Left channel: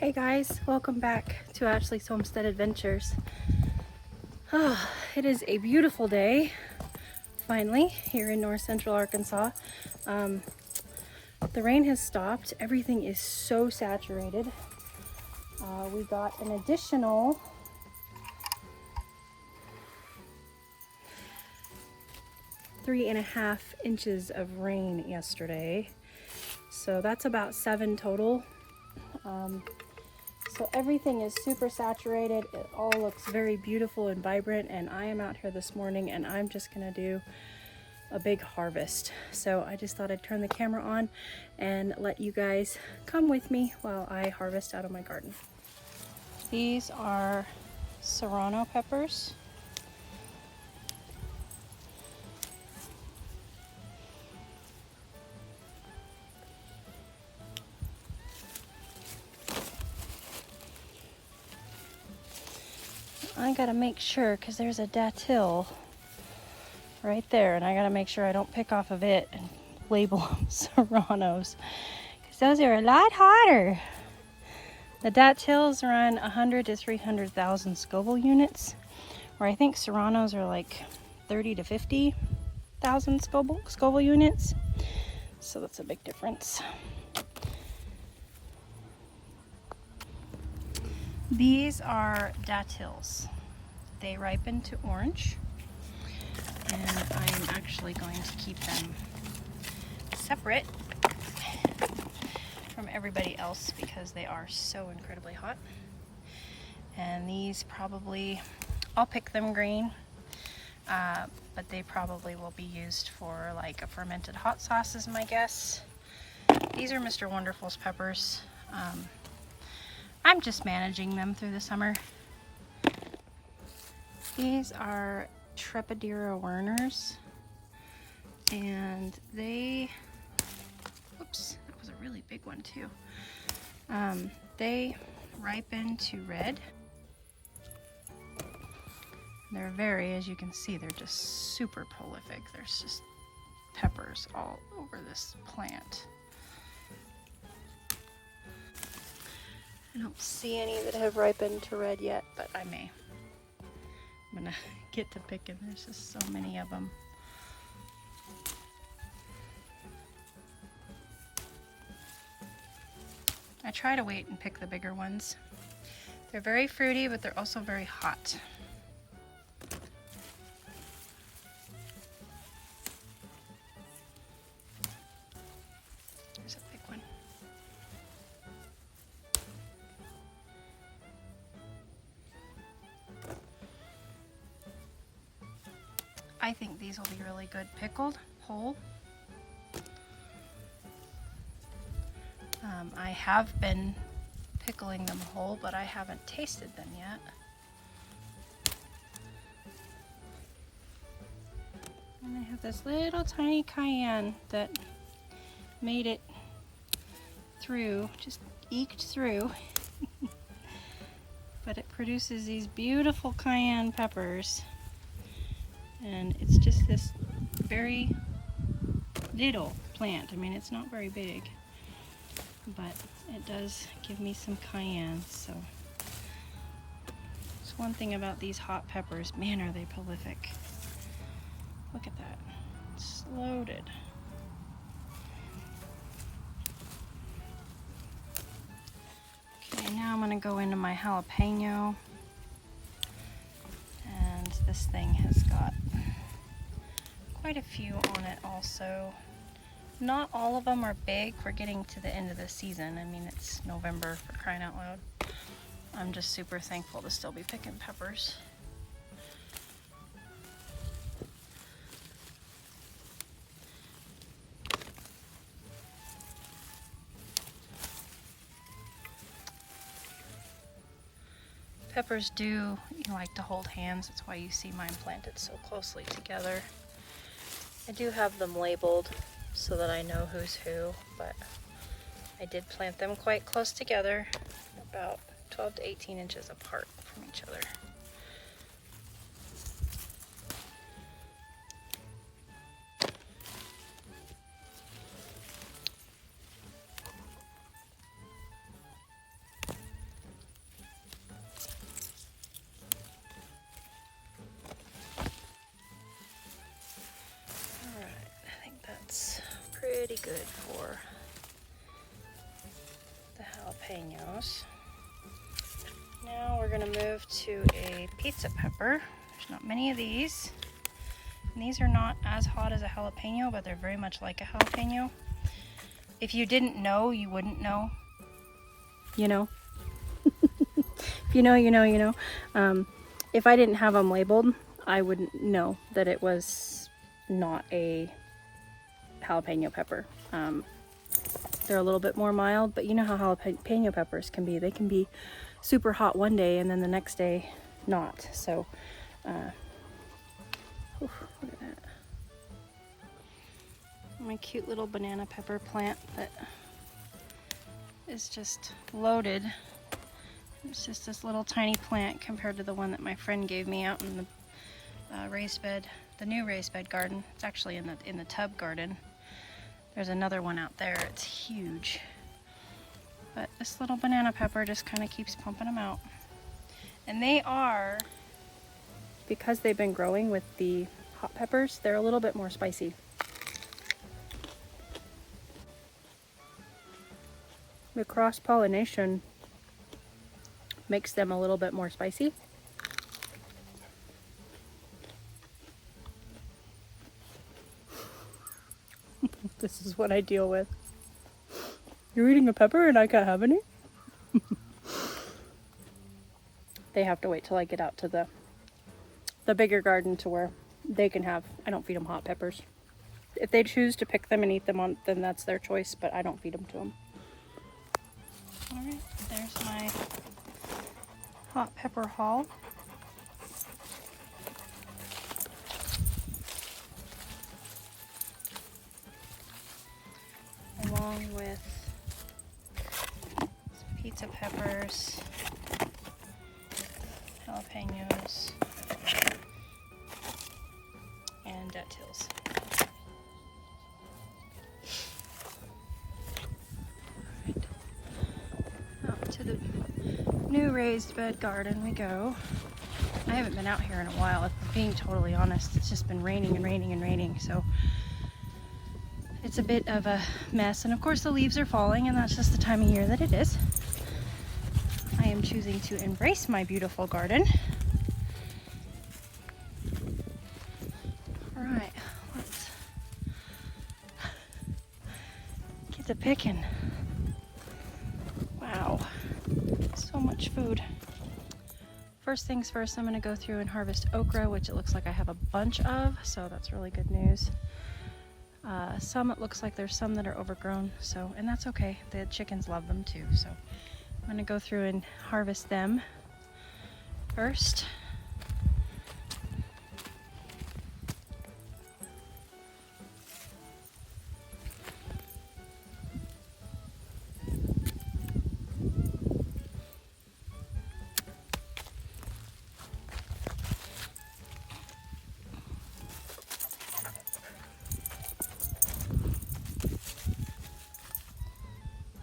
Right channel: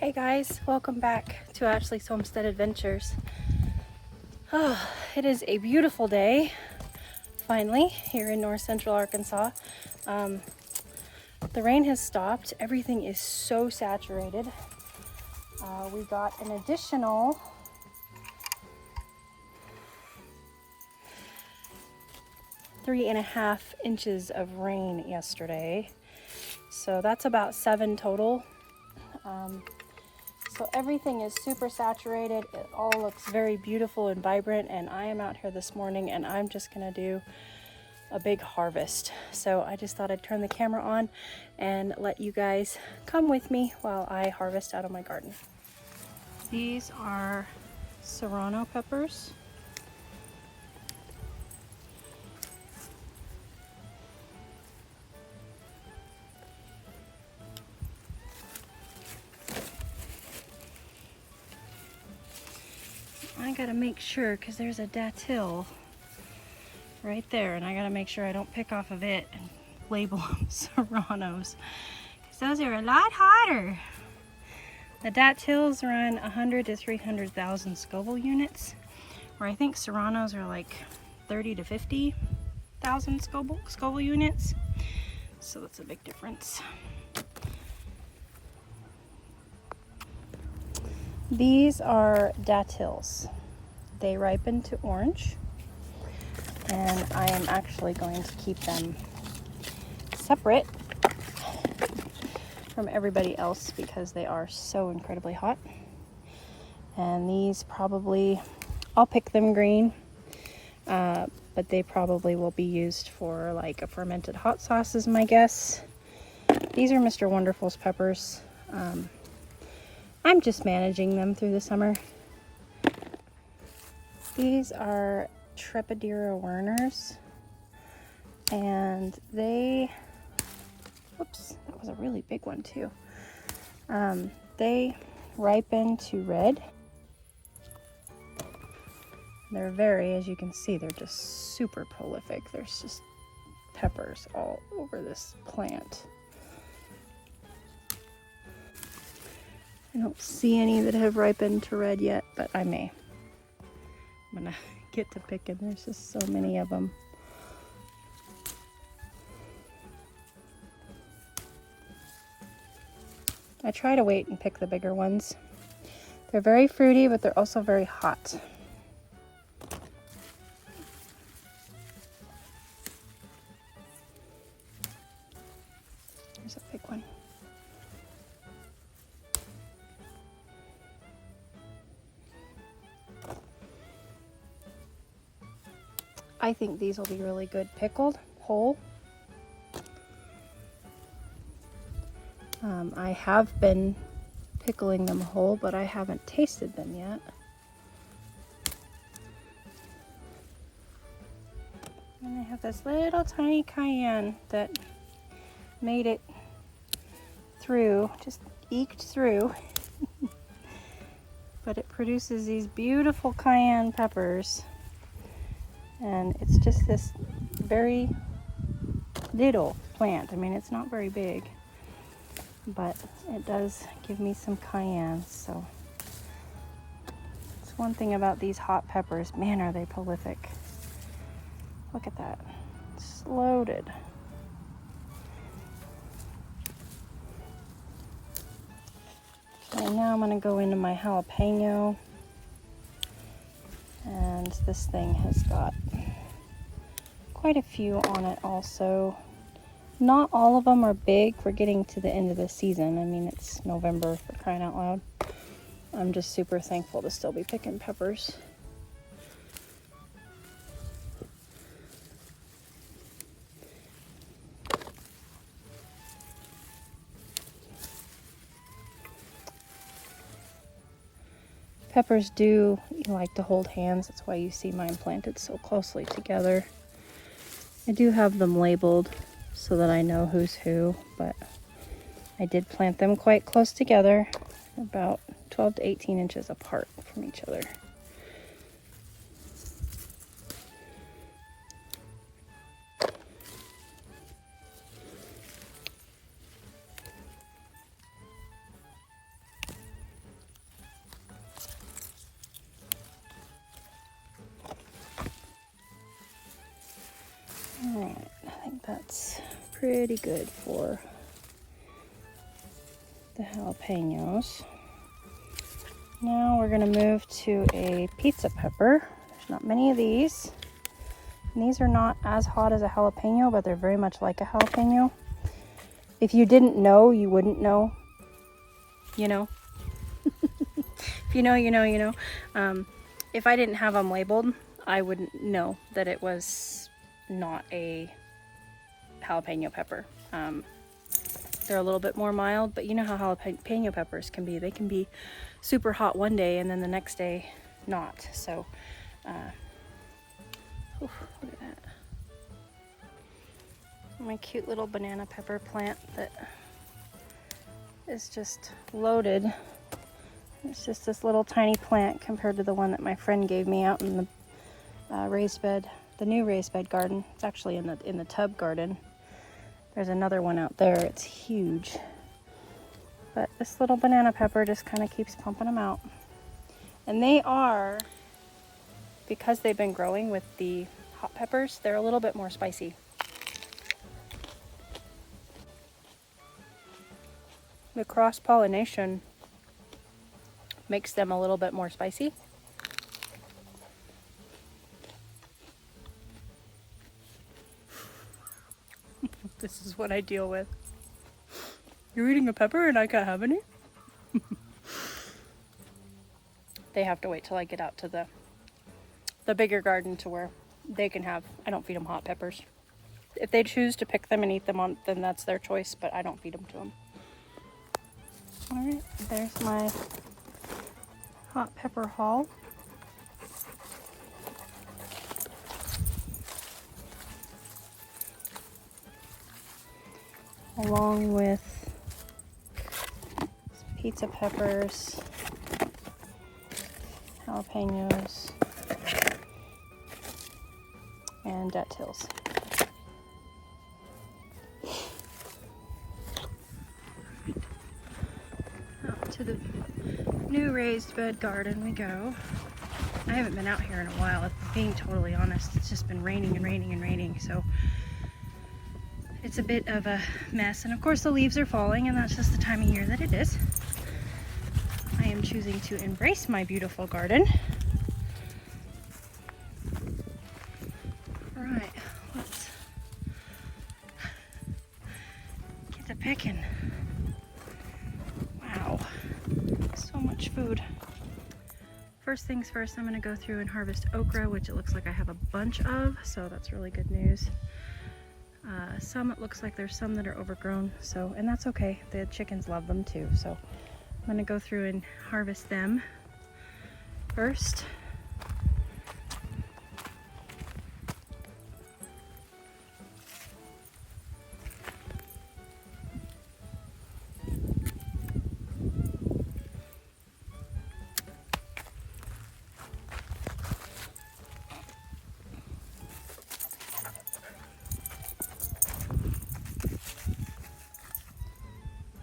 Hey guys, welcome back to Ashley's Homestead Adventures. Oh, it is a beautiful day, finally, here in north central Arkansas. The rain has stopped. Everything is so saturated. We got an additional 3.5 inches of rain yesterday. So that's about 7 total. So everything is super saturated. It all looks very beautiful and vibrant, and I am out here this morning and I'm just gonna do a big harvest. So I just thought I'd turn the camera on and let you guys come with me while I harvest out of my garden. These are serrano peppers. I gotta make sure, because there's a datil right there, and I gotta make sure I don't pick off of it and label them serranos, because those are a lot hotter. The datils run 100 to 300,000 Scoville units, where I think serranos are like 30 to 50,000 Scoville units. So that's a big difference. These are datils. They ripen to orange, and I am actually going to keep them separate from everybody else because they are so incredibly hot. And these probably, I'll pick them green, but they probably will be used for like a fermented hot sauce is my guess. These are Mr. Wonderful's peppers. I'm just managing them through the summer. These are Trepidera Werners, and they, whoops, that was a really big one too. They ripen to red. They're very, as you can see, they're just super prolific. There's just peppers all over this plant. I don't see any that have ripened to red yet, but I may. I'm gonna get to picking. There's just so many of them. I try to wait and pick the bigger ones. They're very fruity, but they're also very hot. There's a big one. I think these will be really good pickled whole. I have been pickling them whole, but I haven't tasted them yet. And I have this little tiny cayenne that made it through, just eked through. But it produces these beautiful cayenne peppers. And it's just this very little plant. I mean, it's not very big, but it does give me some cayenne. So it's one thing about these hot peppers. Man, are they prolific. Look at that. It's loaded. Okay, now I'm going to go into my jalapeno. And this thing has got quite a few on it also. Not all of them are big. We're getting to the end of the season. I mean, it's November, for crying out loud. I'm just super thankful to still be picking peppers. Peppers do like to hold hands. That's why you see mine planted so closely together. I do have them labeled so that I know who's who, but I did plant them quite close together, about 12 to 18 inches apart from each other. I think that's pretty good for the jalapenos. Now we're gonna move to a pizza pepper. There's not many of these. And these are not as hot as a jalapeno, but they're very much like a jalapeno. If you didn't know, you wouldn't know. You know? If you know, you know, you know. If I didn't have them labeled, I wouldn't know that it was not a jalapeno pepper. They're a little bit more mild, but you know how jalapeno peppers can be. They can be super hot one day and then the next day not. So, look at that. My cute little banana pepper plant that is just loaded. It's just this little tiny plant compared to the one that my friend gave me out in the raised bed, the new raised bed garden. It's actually in the tub garden. There's another one out there. It's huge. But this little banana pepper just kind of keeps pumping them out. And they are, because they've been growing with the hot peppers, they're a little bit more spicy. The cross-pollination makes them a little bit more spicy. This is what I deal with. You're eating a pepper and I can't have any? They have to wait till I get out to the bigger garden to where they can have, I don't feed them hot peppers. If they choose to pick them and eat them on, then that's their choice, but I don't feed them to them. All right, there's my hot pepper haul. Along with pizza peppers, jalapenos, and dattils. Out to the new raised bed garden we go. I haven't been out here in a while, if I'm being totally honest. It's just been raining and raining and raining, so it's a bit of a mess. And of course the leaves are falling, and that's just the time of year that it is. I am choosing to embrace my beautiful garden. All right, let's get to picking. Wow, so much food. First things first, I'm gonna go through and harvest okra, which it looks like I have a bunch of, so that's really good news. Some, it looks like there's some that are overgrown, so, and that's okay. The chickens love them too, so I'm gonna go through and harvest them first.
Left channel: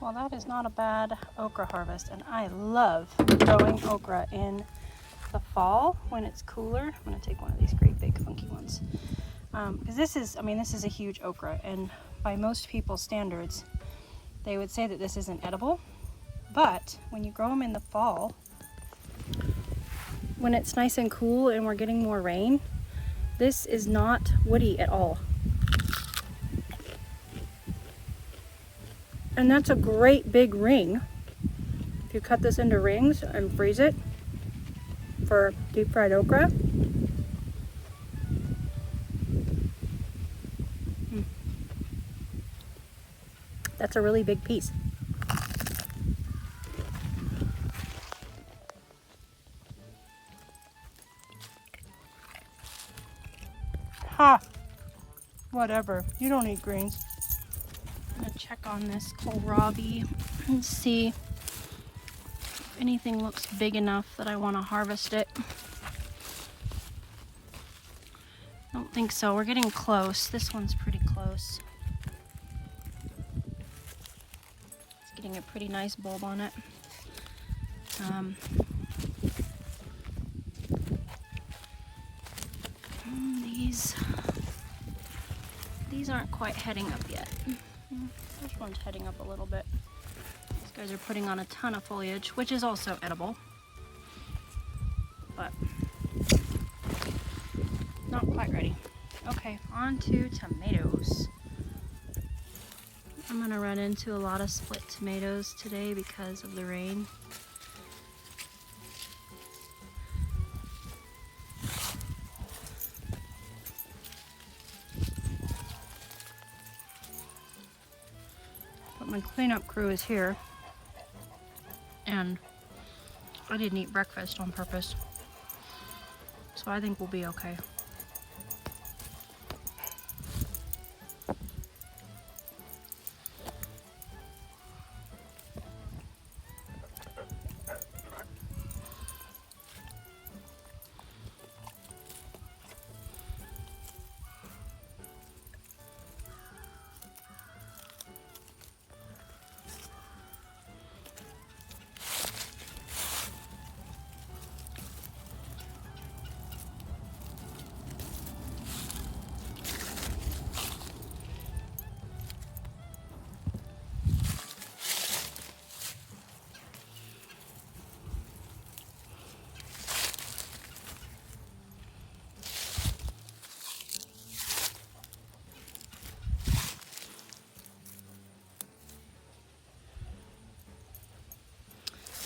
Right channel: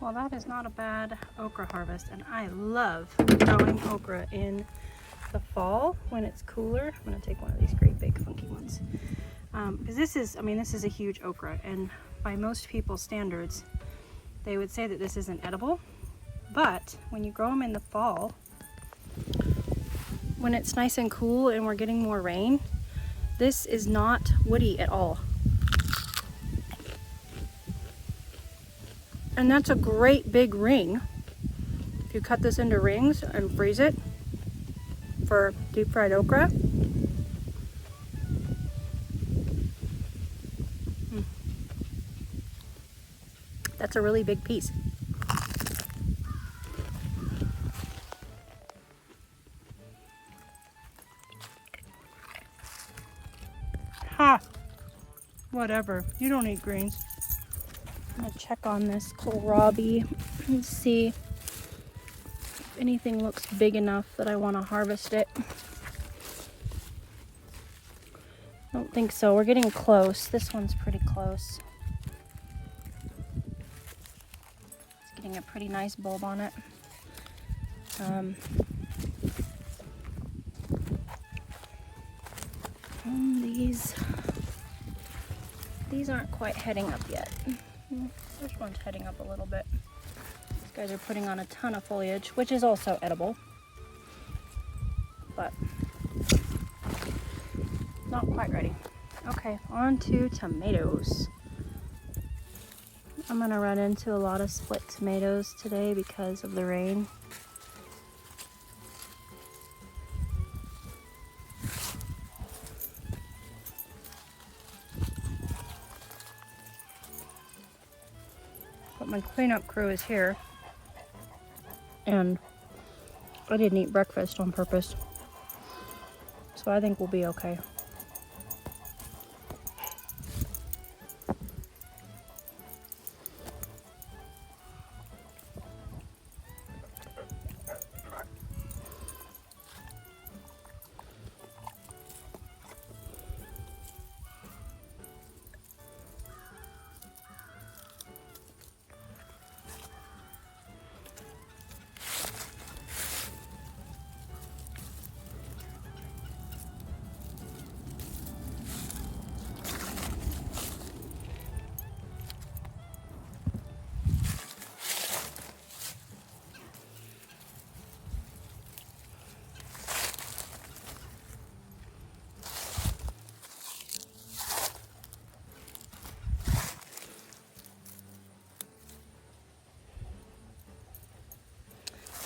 Well, that is not a bad okra harvest, and I love growing okra in the fall when it's cooler. I'm gonna take one of these great big funky ones. Because this is a huge okra, and by most people's standards, they would say that this isn't edible. But when you grow them in the fall, when it's nice and cool and we're getting more rain, this is not woody at all. And that's a great big ring. If you cut this into rings and freeze it for deep fried okra. That's a really big piece. Ha! Whatever, you don't eat greens. I'm gonna check on this kohlrabi and see if anything looks big enough that I want to harvest it. Don't think so. We're getting close. This one's pretty close. It's getting a pretty nice bulb on it. These These aren't quite heading up yet. This one's heading up a little bit. These guys are putting on a ton of foliage, which is also edible, but not quite ready. Okay, on to tomatoes. I'm gonna run into a lot of split tomatoes today because of the rain. But my cleanup crew is here, and I didn't eat breakfast on purpose, so I think we'll be okay.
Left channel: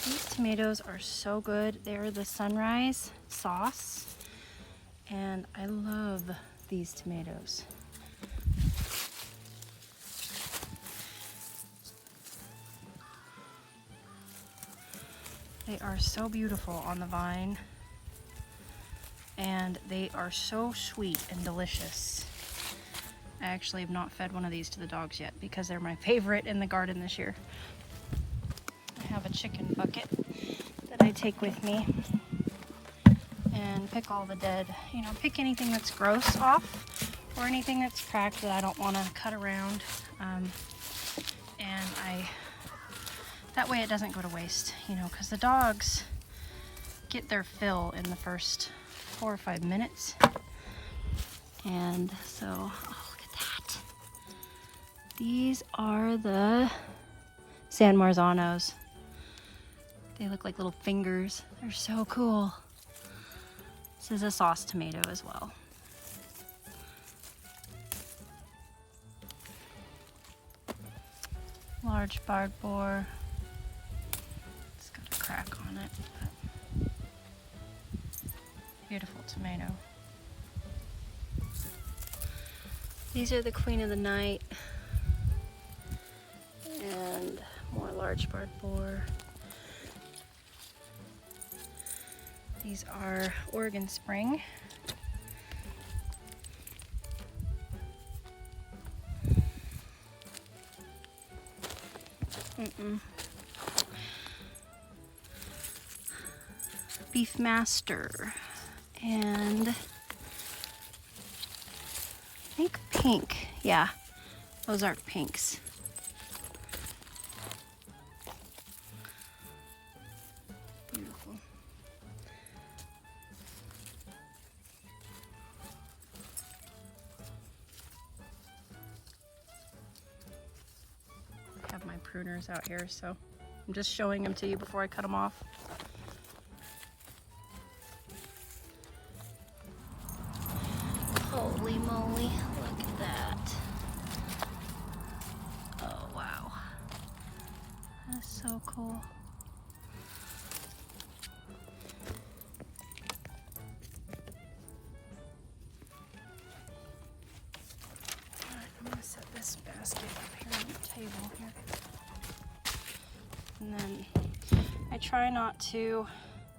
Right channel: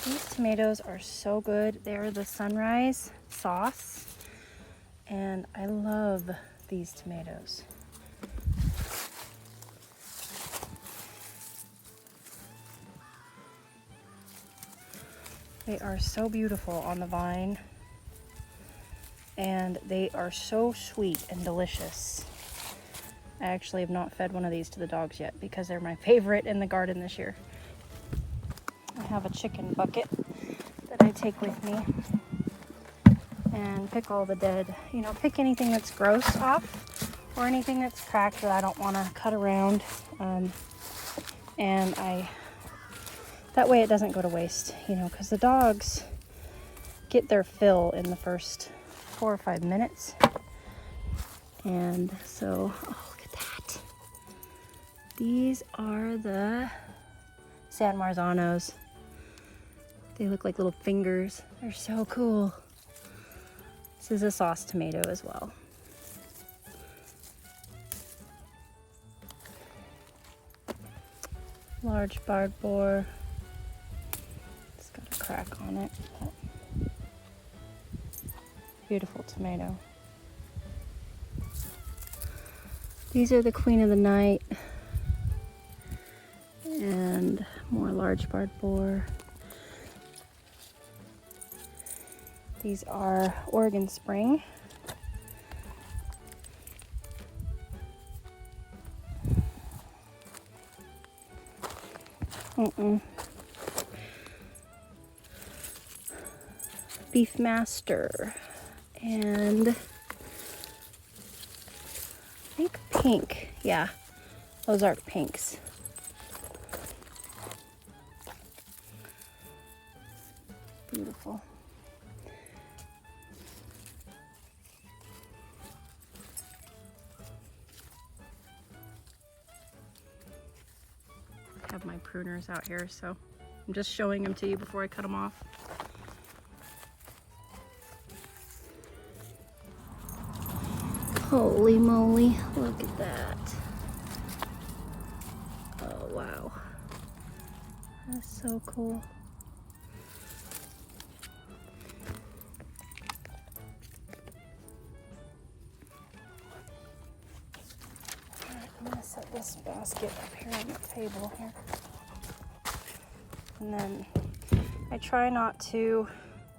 These tomatoes are so good. They're the sunrise sauce, and I love these tomatoes. They are so beautiful on the vine, and they are so sweet and delicious. I actually have not fed one of these to the dogs yet because they're my favorite in the garden this year. I have a chicken bucket that I take with me and pick all the dead, pick anything that's gross off or anything that's cracked that I don't want to cut around. And that way it doesn't go to waste, because the dogs get their fill in the first 4 or 5 minutes. And so, oh, look at that. These are the San Marzanos. They look like little fingers. They're so cool. This is a sauce tomato as well. Large barred boar. It's got a crack on it. But beautiful tomato. These are the Queen of the Night. And more large barred boar. These are Oregon Spring. Beef Master. And I think pink. Yeah, Ozark Pinks. Beautiful. I have my pruners out here, so I'm just showing them to you before I cut them off. Holy moly, look at that. Oh wow. That's so cool. Alright, I'm gonna set this basket up here on the table here. And then I try not to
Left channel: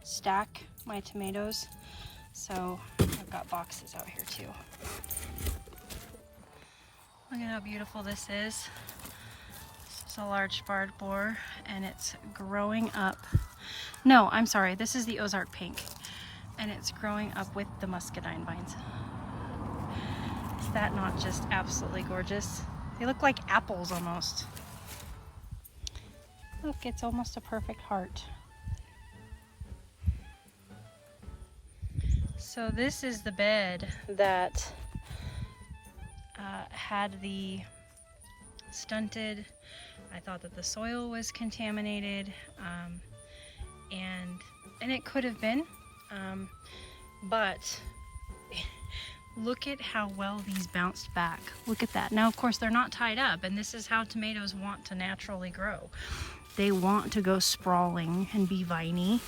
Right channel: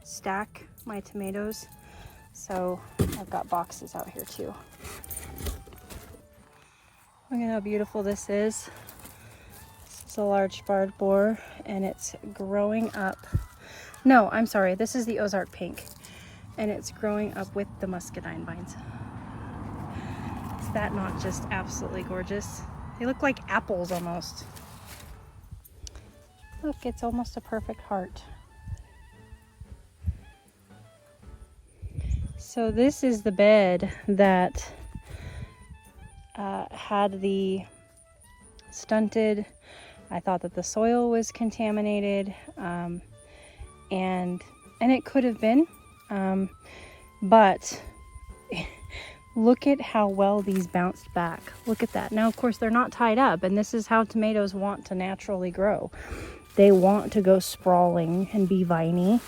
stack my tomatoes, so I've got boxes out here too. Look at how beautiful this is. This is a large barred boar, and it's growing up. No, I'm sorry, this is the Ozark Pink, and it's growing up with the muscadine vines. Is that not just absolutely gorgeous? They look like apples almost. Look, it's almost a perfect heart. So this is the bed that had the stunted. I thought that the soil was contaminated, and it could have been, but look at how well these bounced back. Look at that. Now, of course, they're not tied up, and this is how tomatoes want to naturally grow. They want to go sprawling and be viney.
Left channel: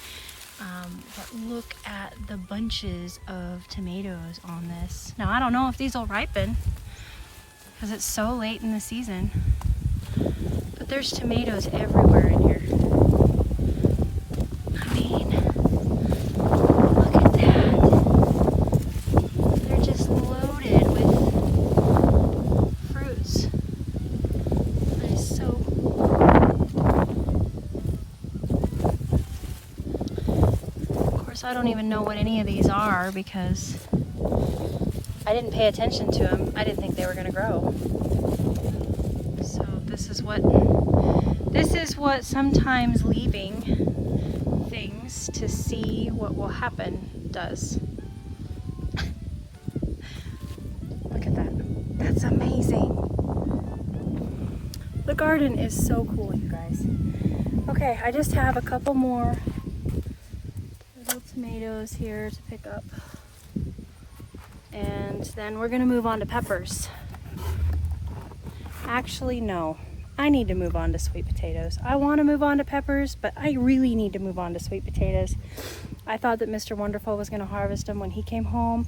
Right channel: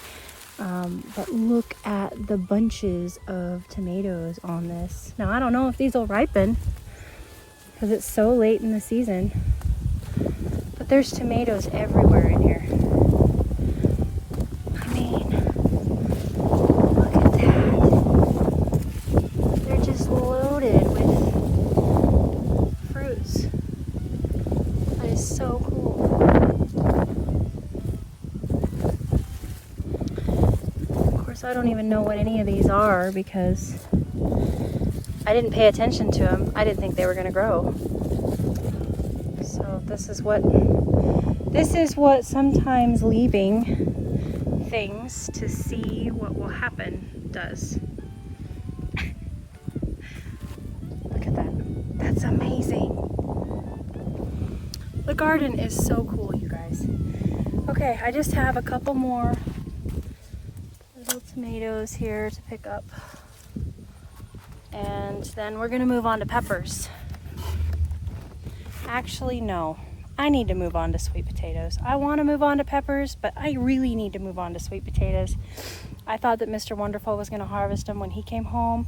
But look at the bunches of tomatoes on this. Now, I don't know if these will ripen because it's so late in the season, but there's tomatoes everywhere in here. I mean, look at that. They're just loaded with fruits. That is so cool. Of course, I don't even know what any of these are because I didn't pay attention to them. I didn't think they were going to grow. So this is what sometimes leaving things to see what will happen does. Look at that. That's amazing. The garden is so cool, you guys. Okay, I just have a couple more little tomatoes here to pick up. And then we're gonna move on to peppers. Actually, no. I need to move on to sweet potatoes. I want to move on to peppers, but I really need to move on to sweet potatoes. I thought that Mr. Wonderful was going to harvest them when he came home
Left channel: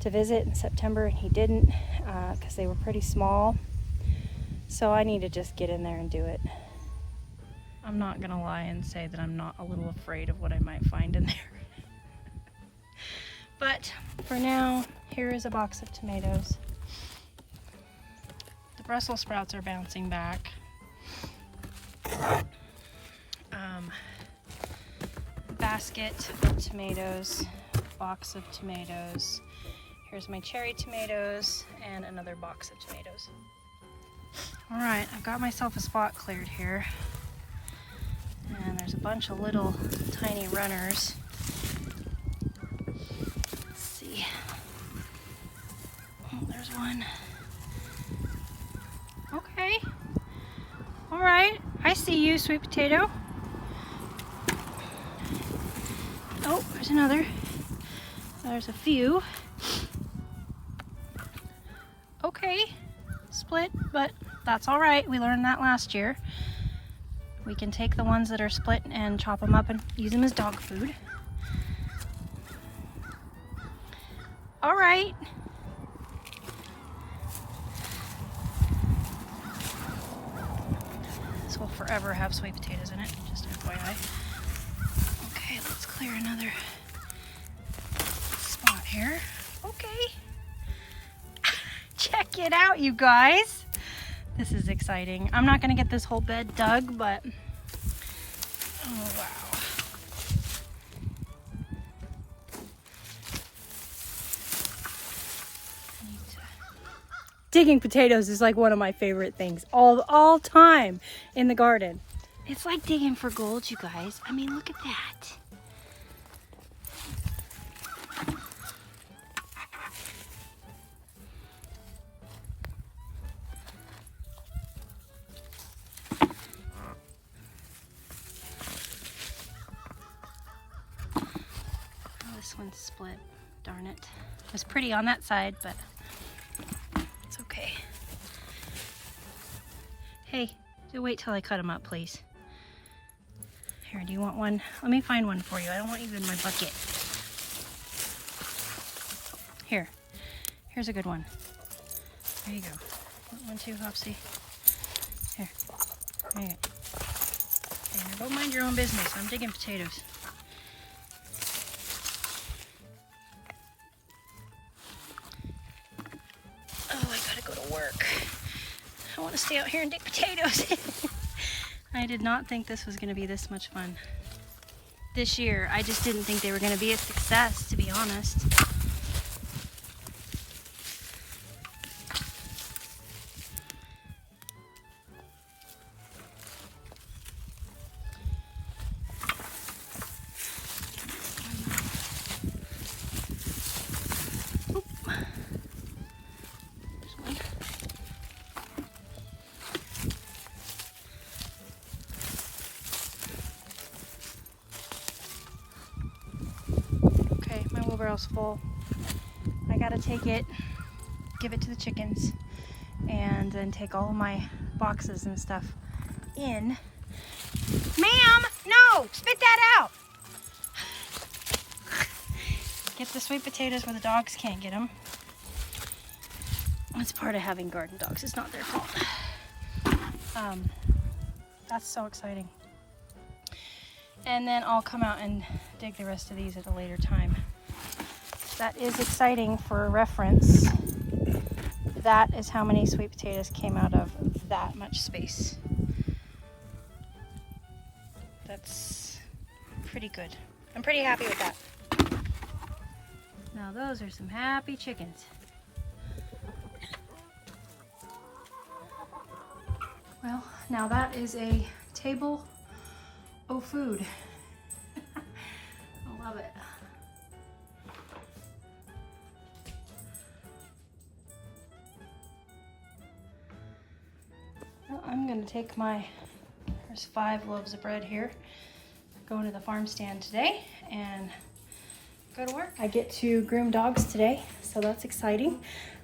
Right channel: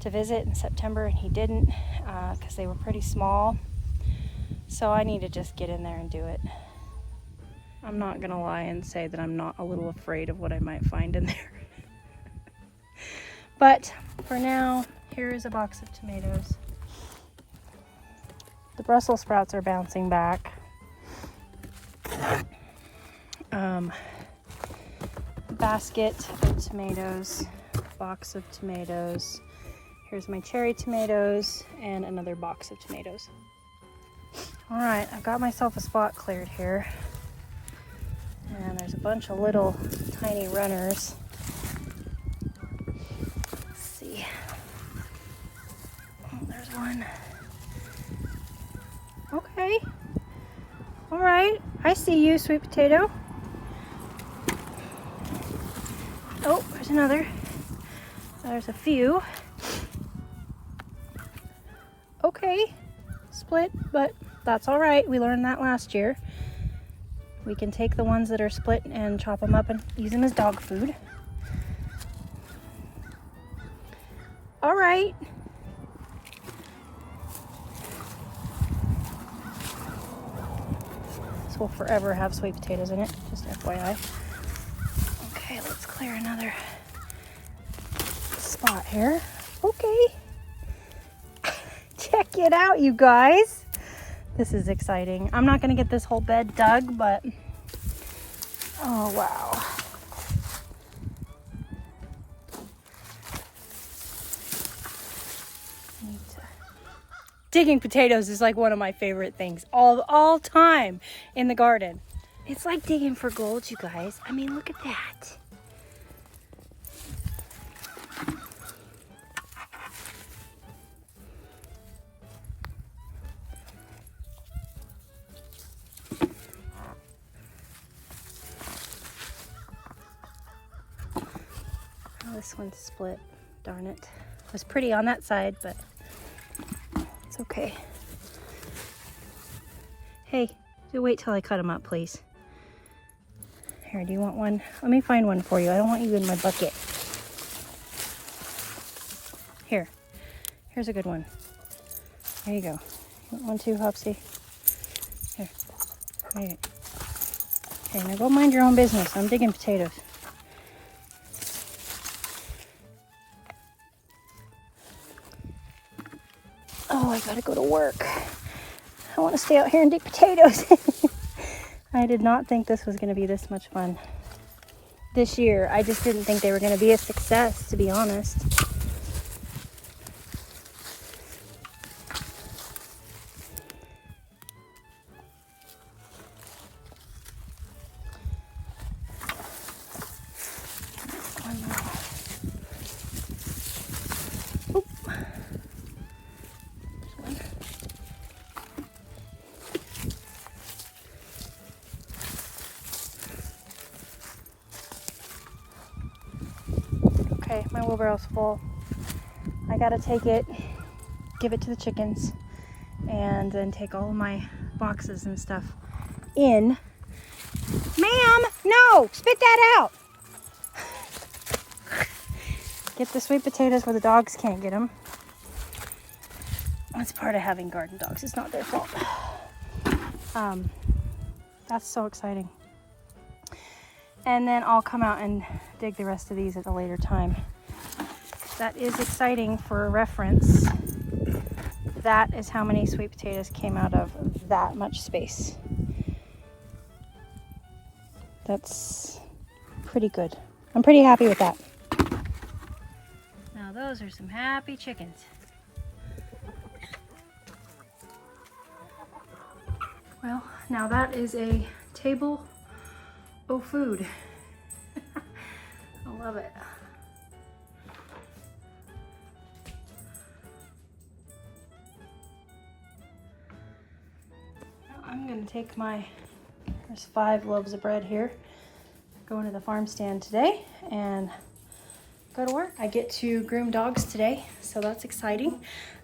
to visit in September, and he didn't because they were pretty small. So I need to just get in there and do it. I'm not going to lie and say that I'm not a little afraid of what I might find in there. But for now, here is a box of tomatoes. The Brussels sprouts are bouncing back. Basket of tomatoes, box of tomatoes. Here's my cherry tomatoes and another box of tomatoes. All right, I've got myself a spot cleared here. And there's a bunch of little tiny runners. Let's see. Oh, there's one. Okay. All right. I see you, sweet potato. Oh, there's another. There's a few. Okay. Split, but that's all right. We learned that last year. We can take the ones that are split and chop them up and use them as dog food. All right. This will forever have sweet potatoes in it, just FYI. Okay, let's clear another spot here. Okay. Check it out, you guys. This is exciting. I'm not gonna get this whole bed dug, but oh wow. Digging potatoes is like one of my favorite things all time in the garden. It's like digging for gold, you guys. I mean, look at that. Oh, this one's split. Darn it. It was pretty on that side, but it's okay. Hey, wait till I cut them up, please. Here, do you want one? Let me find one for you. I don't want you in my bucket. Here. Here's a good one. There you go. Want one too, Hopsy? Here. There you go. Okay, now go mind your own business. I'm digging potatoes. Oh, I gotta go to work. I want to stay out here and dig potatoes. I did not think this was going to be this much fun this year. I just didn't think they were going to be a success, to be honest. wheelbarrow's full. I gotta take it, give it to the chickens, and then take all of my boxes and stuff in. Ma'am, no, spit that out. Get the sweet potatoes where the dogs can't get them. That's part of having garden dogs. It's not their fault. That's so exciting. And then I'll come out and dig the rest of these at a later time. That is exciting for reference. That is how many sweet potatoes came out of that much space. That's pretty good. I'm pretty happy with that. Now those are some happy chickens. Well, now that is a table of food. I love it. Well, I'm gonna take there's 5 loaves of bread here, go into the farm stand today and go to work. I get to groom dogs today, so that's exciting.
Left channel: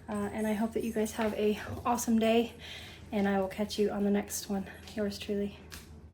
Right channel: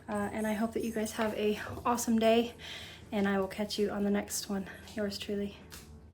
And I hope that you guys have a awesome day, and I will catch you on the next one. Yours truly.